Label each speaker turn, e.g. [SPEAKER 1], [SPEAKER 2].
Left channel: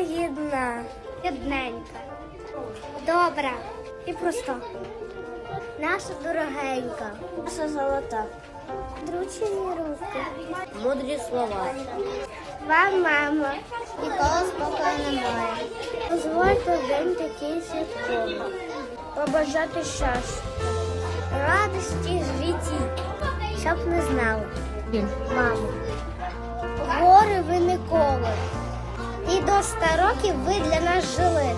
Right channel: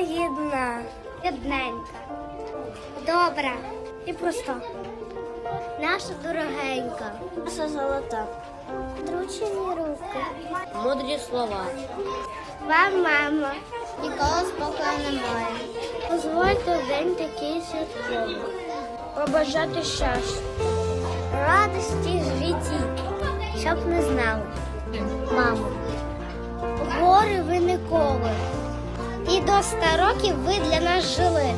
[SPEAKER 1] лагідна, рідненька, добра і проста. Наша дорогенька, наша золота. Дручені руки.
[SPEAKER 2] Мудрі слова.
[SPEAKER 1] Вам, мама, ніколи спокою немає. Дозвольте в день такий святковий. Побажати щастя, радості в житті, щоб не знали, мамо. Гори ви ніколи. До 100 років ви для нас жили.